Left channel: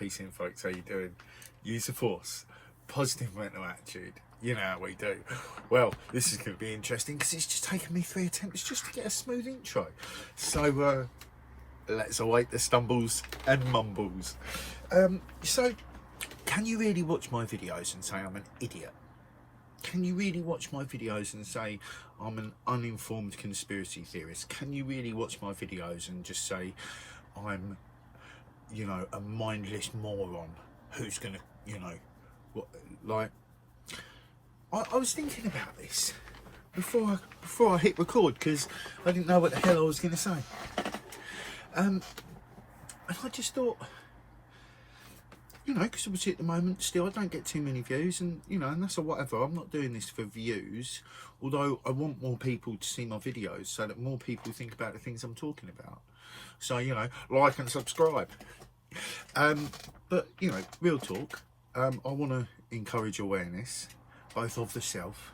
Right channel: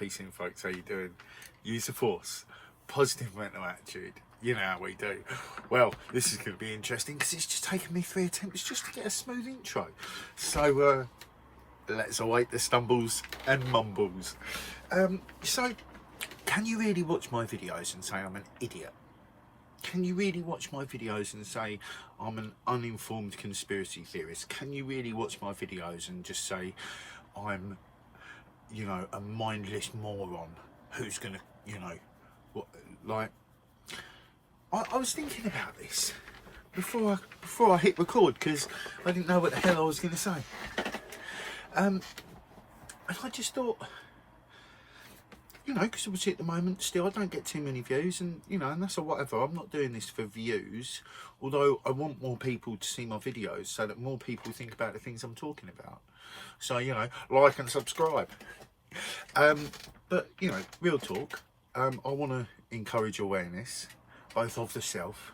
Peace in, folks. How you doing? Use the force. Positive mental attitude. You know how we do. Well, this is going to be interesting because it's just taken me 3 attempts just to get a smooth intro. So, let's await the stumbles and mumbles. So, can you really watch my videos and say I'm an idiot? Can you really watch my videos and say I'm an uninformed conspiracy theorist? Can you really watch my videos and just say I'm, you know, a mindless moron who's gonna, you know, what, like, I was thinking about this before I hit record because I didn't know what the hell I was gonna say. And I just thought, you know, because obviously at the moment still I don't get too many views, and you know, and that's a whatever. I'm not doing this for views, although I want more people to see my videos so that more people think about the things I'm talking about. So, you know, like and subscribe. But you know, real talk, I want to encourage awareness both of the self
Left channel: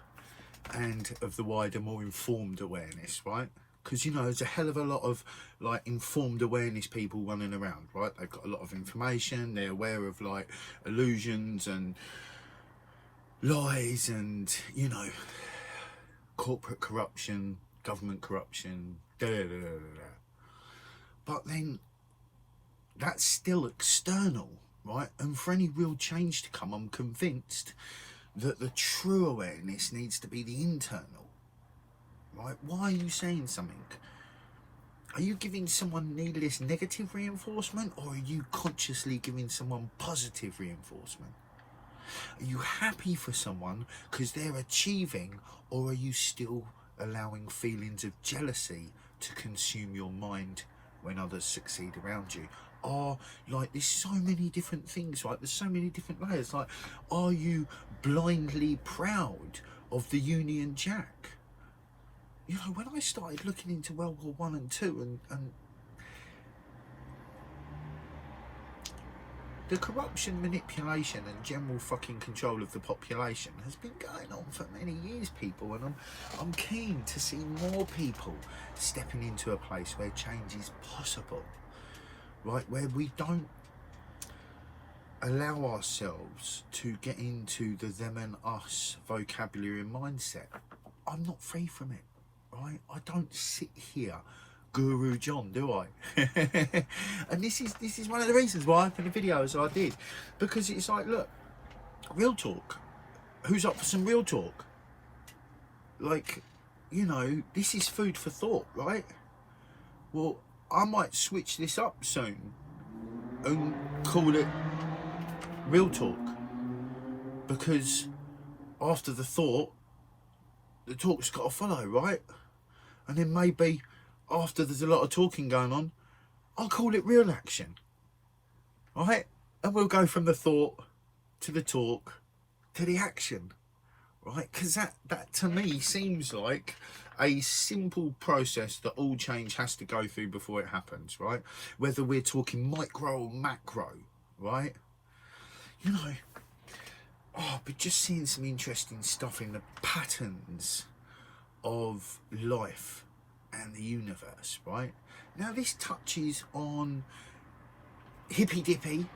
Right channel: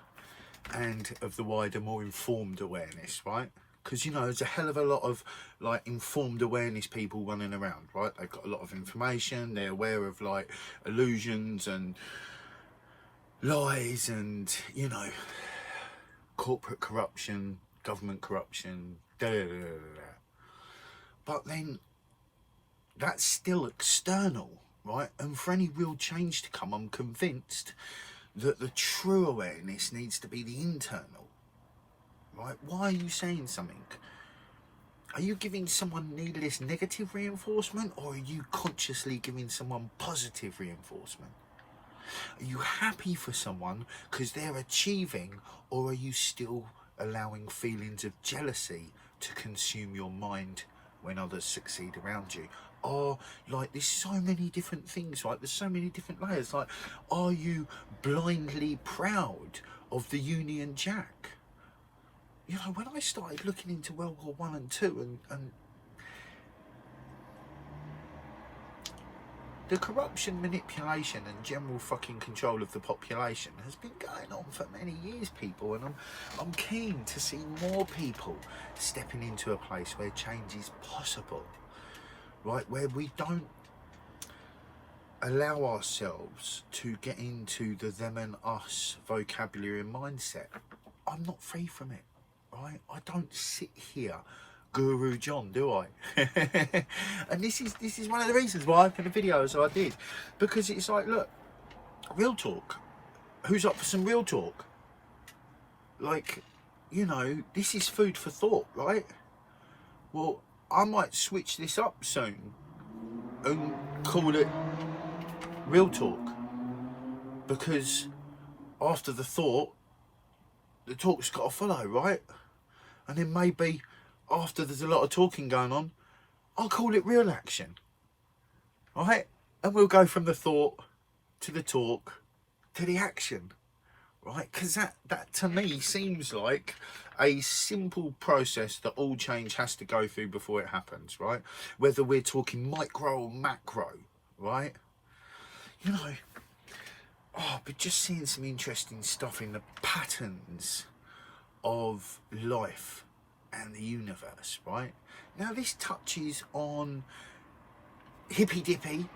and of the wider, more informed awareness, right? Because, you know, there's a hell of a lot of like informed awareness people running around, right? They've got a lot of information, they're aware of like illusions and lies and, you know, corporate corruption, government corruption, da da da da da. But then that's still external, right? And for any real change to come, I'm convinced that the true awareness needs to be the internal, right? Why are you saying something? Are you giving someone needless negative reinforcement, or are you consciously giving someone positive reinforcement? Are you happy for someone because they're achieving, or are you still allowing feelings of jealousy to consume your mind when others succeed around you? Or, like, there's so many different things, right? There's so many different layers. Like, are you blindly proud of the Union Jack? You know, when I started looking into World War One and Two, and the corruption, manipulation and general fucking control of the population has been going on for many years, people, and I'm keen to see more people stepping into a place where change is possible, right? Where we don't allow ourselves to get into the them and us vocabulary and mindset. I'm not free from it, right? I don't sit here Guru John, do I? And this is one of the reasons why I did the videos I did, because it's like, look, real talk. Who's up for some real talk? Like, you know, this is food for thought, right? Well, I might switch this up soon and call it real talk, because after the thought, the talk's got to follow, right? And then maybe after there's a lot of talking going on, I'll call it real action, right? And we'll go from the thought to the talk to the action, right? Because that to me seems like a simple process that all change has to go through before it happens, right? Whether we're talking micro or macro, right? You know, but just seeing some interesting stuff in the patterns of life and the universe, right? Now this touches on hippy dippy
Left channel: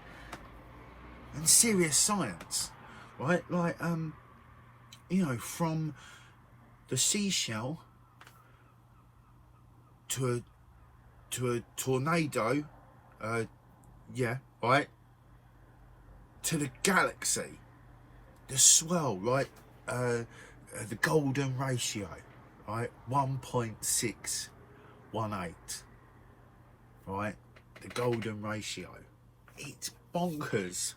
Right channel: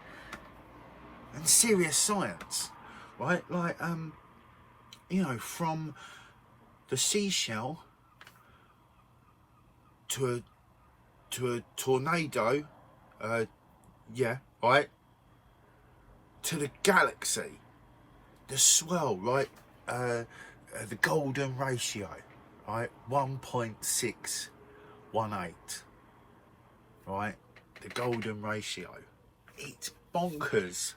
and serious science, right? Like, you know, from the seashell to a tornado, yeah, right, to the galaxy, the swell, right, the golden ratio, right, 1.618, right, the golden ratio. It's bonkers.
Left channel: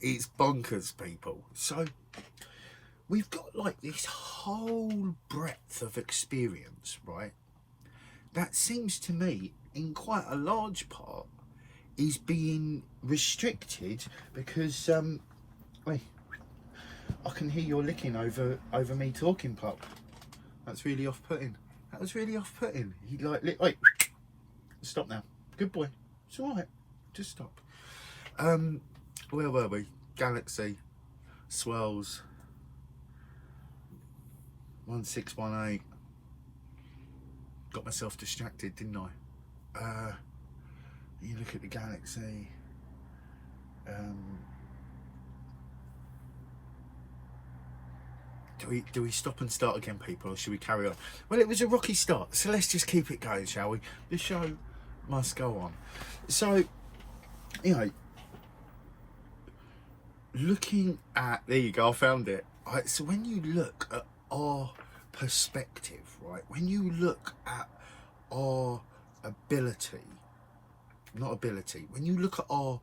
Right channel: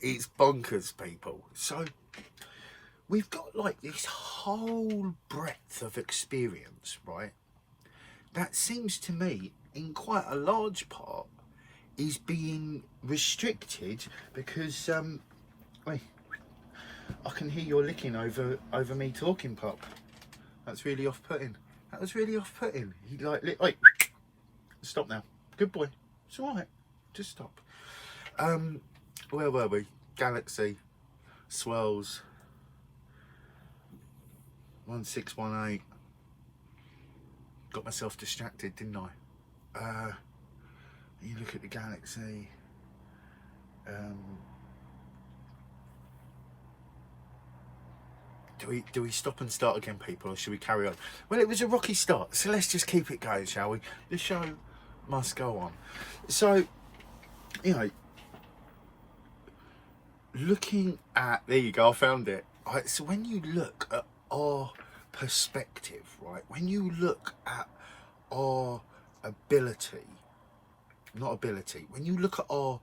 It's bonkers, people. So we've got like this whole breadth of experience, right, that seems to me in quite a large part is being restricted because wait, I can hear your licking over me talking, Pop. That's really off-putting. That was really off-putting. He like lick. Wait, stop now. Good boy. It's all right. Just stop. Where were we? Galaxy, swells, 1618. Got myself distracted, didn't I? You look at the galaxy. Do we stop and start again, people, or should we carry on? Well, it was a rocky start, so let's just keep it going, shall we? The show must go on. So, you know, looking at, there you go, I found it. Right, so when you look at our perspective, right, when you look at our when you look at our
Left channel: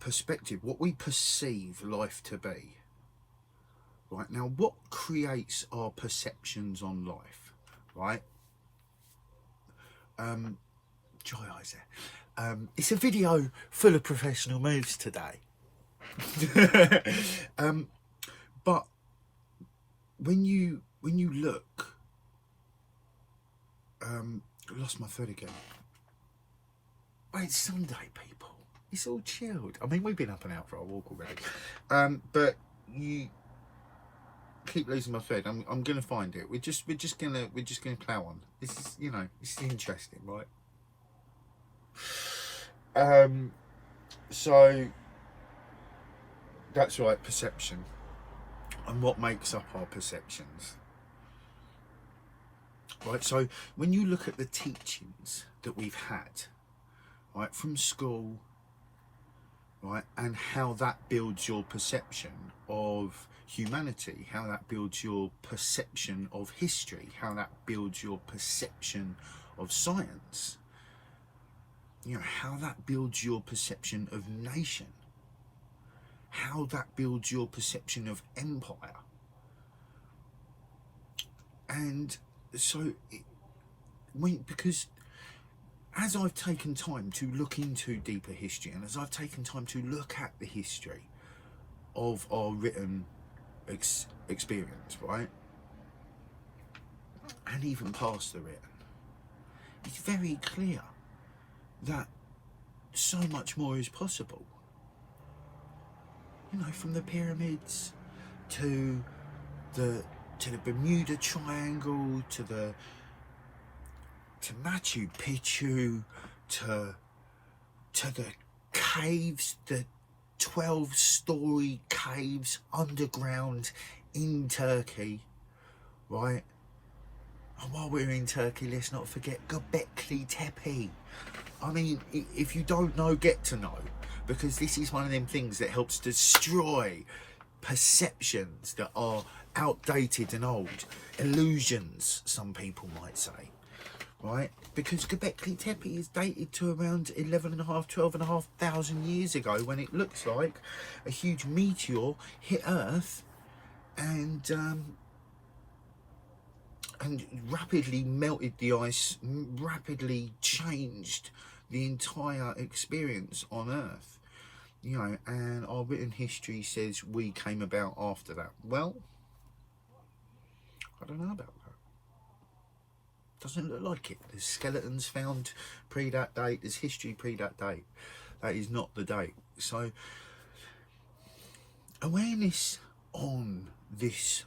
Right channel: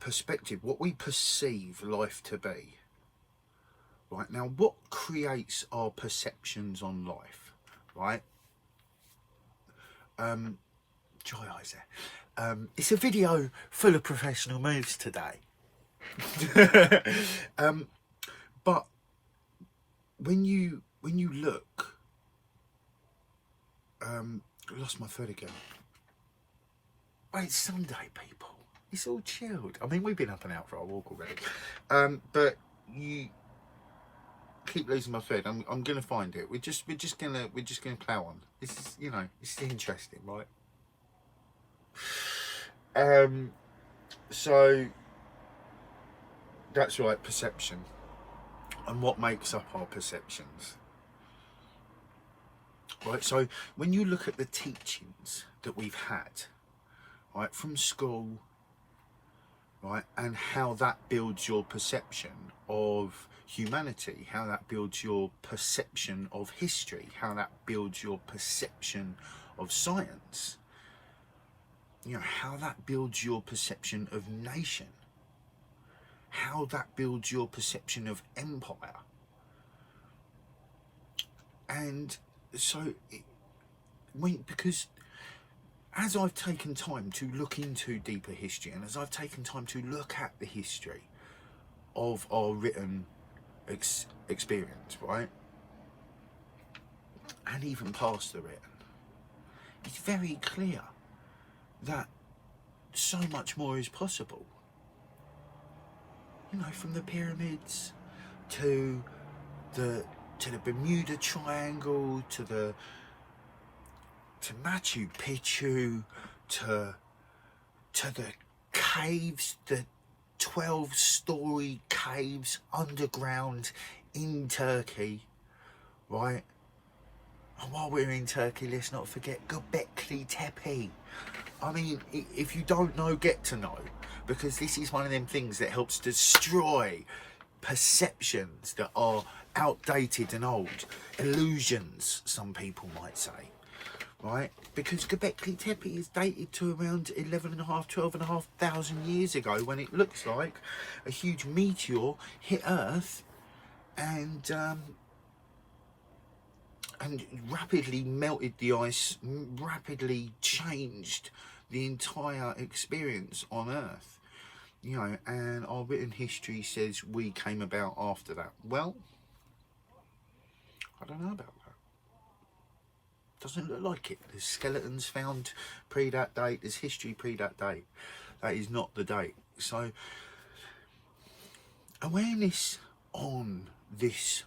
perspective, what we perceive life to be, right, now what creates our perceptions on life, right? Joy eyes there. It's a video full of professional moves today. But when you look, I lost my thread again. Well, it's Sunday, people. It's all chilled. I mean, we've been up and out for our walk already. But you keep losing my thread. I'm gonna find it. We're just gonna plow on. This is, you know, this is interesting, right? So that's right, perception, and what makes up our perceptions. Right, so when you look at the teachings that we've had, right, from school, right, and how that builds your perception of humanity, how that builds your perception of history, how that builds your perception of science, you know, how that builds your perception of nation, how that builds your perception of empire. And so because as I've taken time to look into deeper history, and as I've taken time to look at the history of our written experience, right, and even past the written, it's very clear that so much more is possible. You know, from the pyramids to the Bermuda Triangle, to Machu Picchu, to the caves, the 12-story caves underground in Turkey, right? And while we're in Turkey, let's not forget Göbekli Tepe. I mean, if you don't know, get to know, because this is one of them things that helps destroy perceptions that are outdated and old, illusions, some people might say, right? Because Göbekli Tepe is dated to around 12,500 years ago, when it looks like a huge meteor hit Earth and rapidly melted the ice, rapidly changed the entire experience on Earth, you know, and our written history says we came about after that. Well, I don't know about that. Doesn't look like it. There's skeletons found pre that date, there's history pre that date. That is not the date. So awareness on this,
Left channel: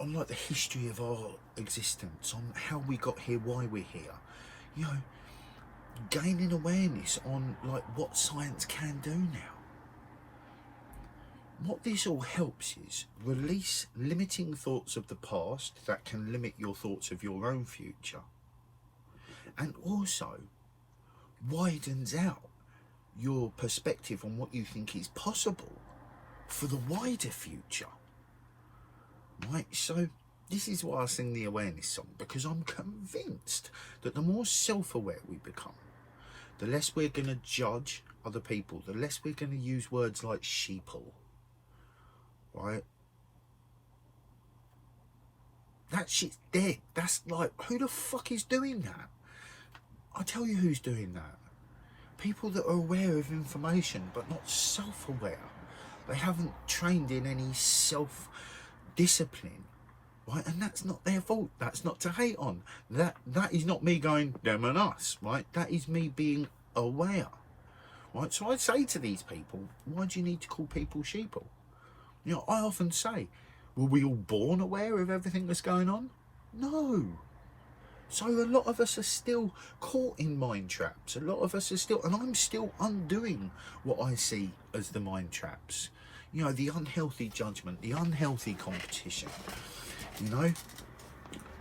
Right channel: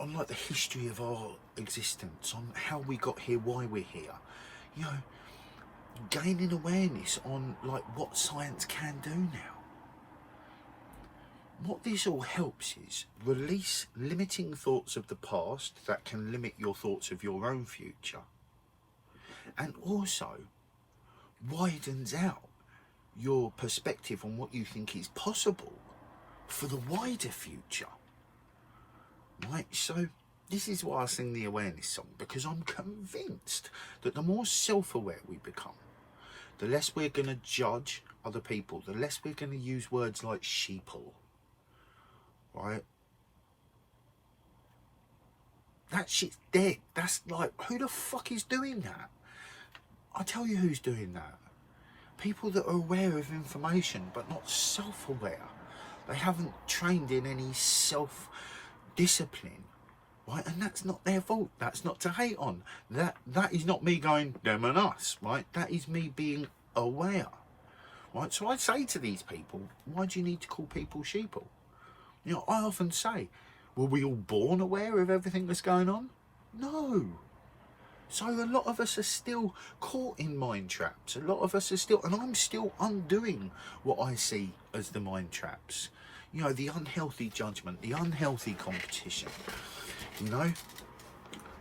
on like the history of our existence, on how we got here, why we're here, you know, gaining awareness on like what science can do now. What this all helps is release limiting thoughts of the past that can limit your thoughts of your own future, and also widens out your perspective on what you think is possible for the wider future. Right, so this is why I sing the awareness song, because I'm convinced that the more self-aware we become, the less we're going to judge other people, the less we're going to use words like sheeple, right? That shit's dead. That's like, who the fuck is doing that? I'll tell you who's doing that. People that are aware of information but not self-aware. They haven't trained in any self-discipline, right? And that's not their fault. That's not to hate on. That is not me going them and us, right? That is me being aware, right? So I'd say to these people, why do you need to call people sheeple? You know, I often say, were we all born aware of everything that's going on? No. So a lot of us are still caught in mind traps. A lot of us are still, and I'm still undoing what I see as the mind traps. You know, the unhealthy judgment, the unhealthy competition, you know,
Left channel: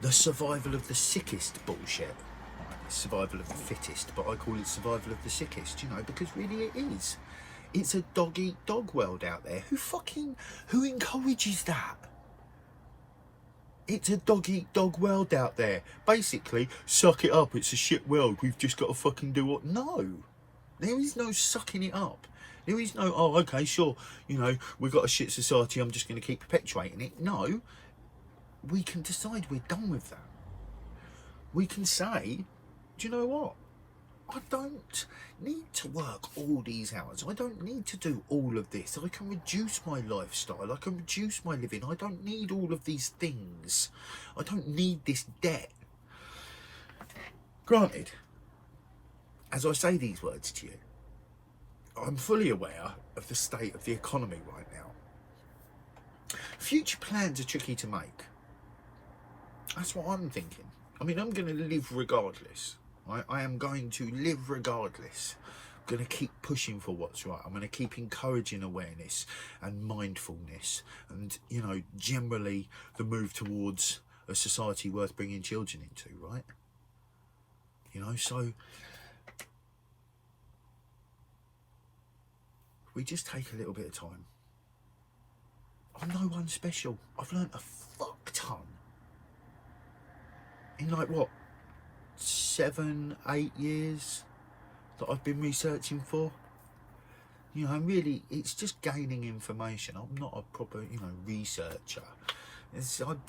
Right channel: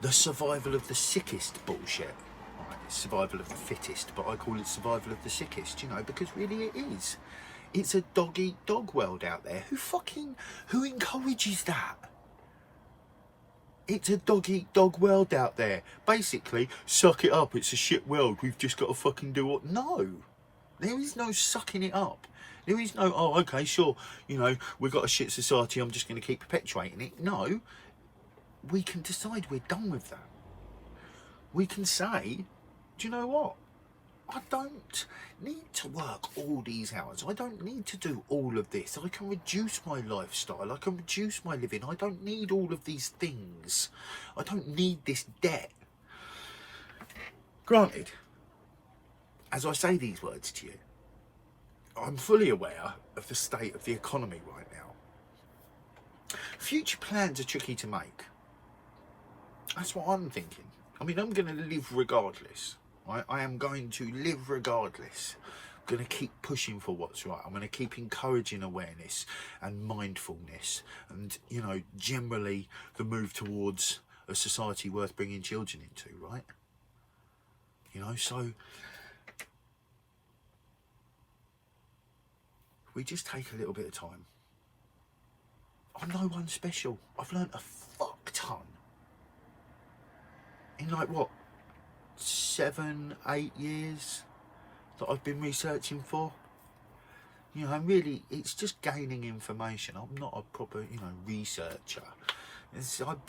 the survival of the sickest bullshit. Right, survival of the fittest, but I call it survival of the sickest, you know, because really it is. It's a dog-eat-dog world out there. Who encourages that? It's a dog-eat-dog world out there. Basically, suck it up, it's a shit world, we've just got to fucking do what... No. There is no sucking it up. There is no, oh, okay, sure, you know, we've got a shit society, I'm just going to keep perpetuating it. No. We can decide we're done with that. We can say, do you know what? I don't need to work all these hours. I don't need to do all of this. I can reduce my lifestyle. I can reduce my living. I don't need all of these things. I don't need this debt. Granted, as I say these words to you, I'm fully aware of the state of the economy right now. Future plans are tricky to make. That's what I'm thinking. I mean, I'm going to live regardless. Right? I am going to live regardless. I'm going to keep pushing for what's right. I'm going to keep encouraging awareness and mindfulness and, you know, generally the move towards a society worth bringing children into, right? You know, so we just take a little bit of time. I'm no one special. I've learnt a fuck ton. In like, what, 7, 8 years that I've been researching for. You know, and really, it's just gaining information. I'm not a proper, you know, researcher. I'm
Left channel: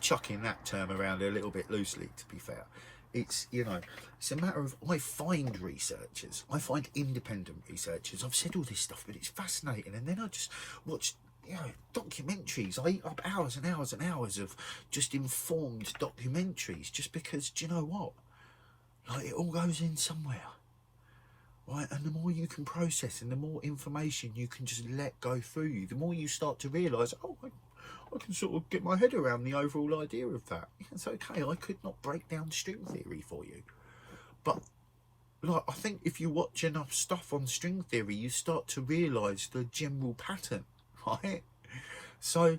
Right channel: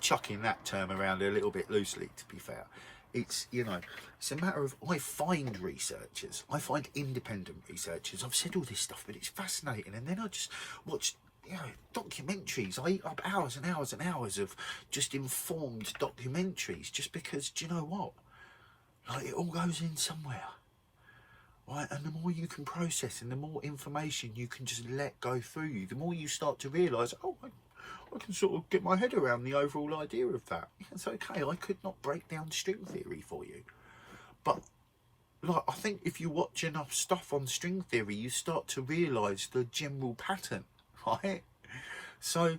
chucking that term around a little bit loosely, to be fair. It's, you know, it's a matter of, I find researchers. I find independent researchers. I've said all this stuff, but it's fascinating. And then I just watch, you know, documentaries. I eat up hours and hours and hours of just informed documentaries just because, do you know what? Like, it all goes in somewhere, right? And the more you can process and the more information you can just let go through you, the more you start to realise, oh, I can sort of get my head around the overall idea of that. It's okay, I could not break down string theory for you. But, like, I think if you watch enough stuff on string theory, you start to realise the general pattern, right? So,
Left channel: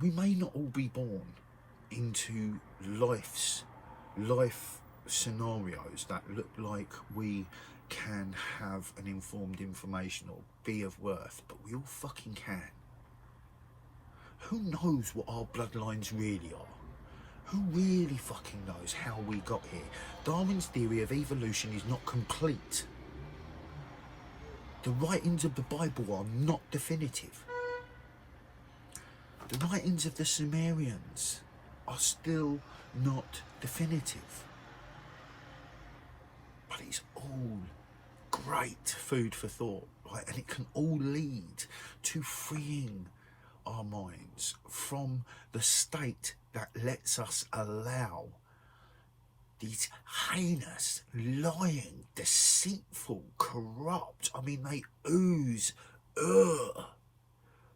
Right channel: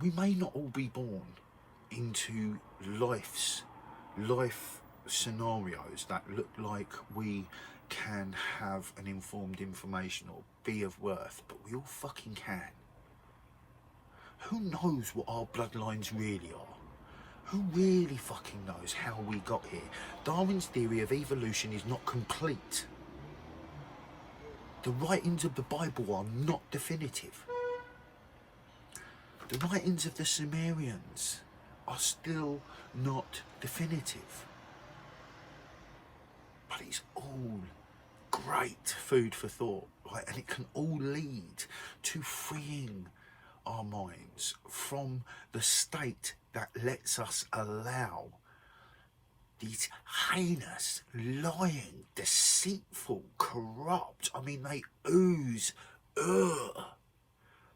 we may not all be born into life scenarios that look like we can have an informed information or be of worth, but we all fucking can. Who knows what our bloodlines really are? Who really fucking knows how we got here? Darwin's theory of evolution is not complete. The writings of the Bible are not definitive. The writings of the Sumerians are still not definitive. But it's all great food for thought, right? And it can all lead to freeing our minds from the state that lets us allow these heinous, lying, deceitful, corrupt, I mean, they ooze,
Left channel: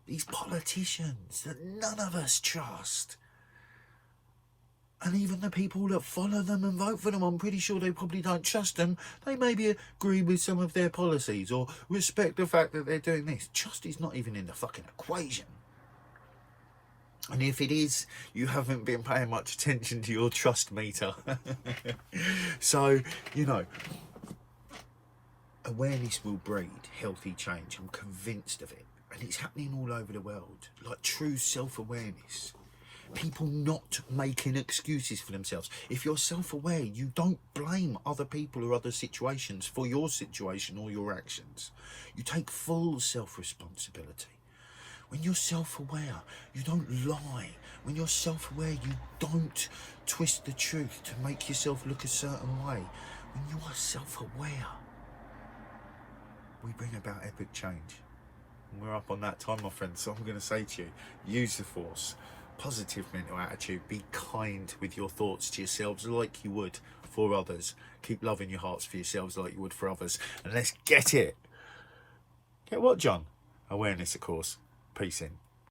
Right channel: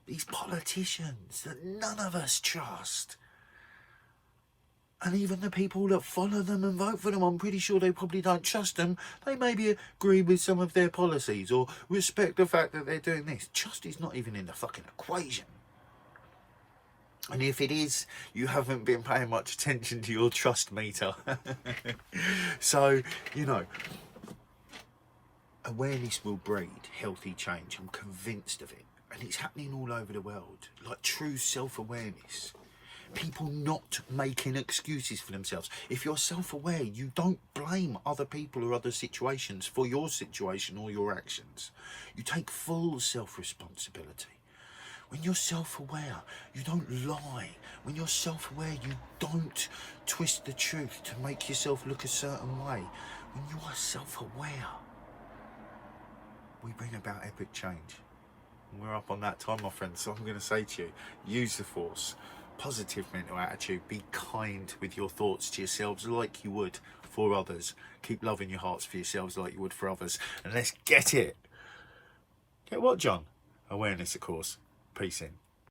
these politicians that none of us trust. And even the people that follow them and vote for them, I'm pretty sure they probably don't trust them. They maybe agree with some of their policies or respect the fact that they're doing this. Trust is not even in the fucking equation. And if it is, you haven't been paying much attention to your trust meter. So, you know, awareness will breed healthy change. I'm convinced of it. And it's happening all over the world. Like true self-awareness. People not making excuses for themselves. If you're self-aware, you don't blame other people or other situations for your situation or your actions. You take full self-responsibility. When you're self-aware, you don't lie. When you're self-aware, you don't twist the truth to make yourself look a certain way. When you are self-aware, we bring about epic change. And we're up on that time, my friends. So I'm going to say to you, use the force. Positive mental attitude. Be kind with your thoughts to yourselves like you would for others. Keep loving your hearts for yourselves like you would for others. And let's get it. Get what, John? Awareness, of course. Peace in.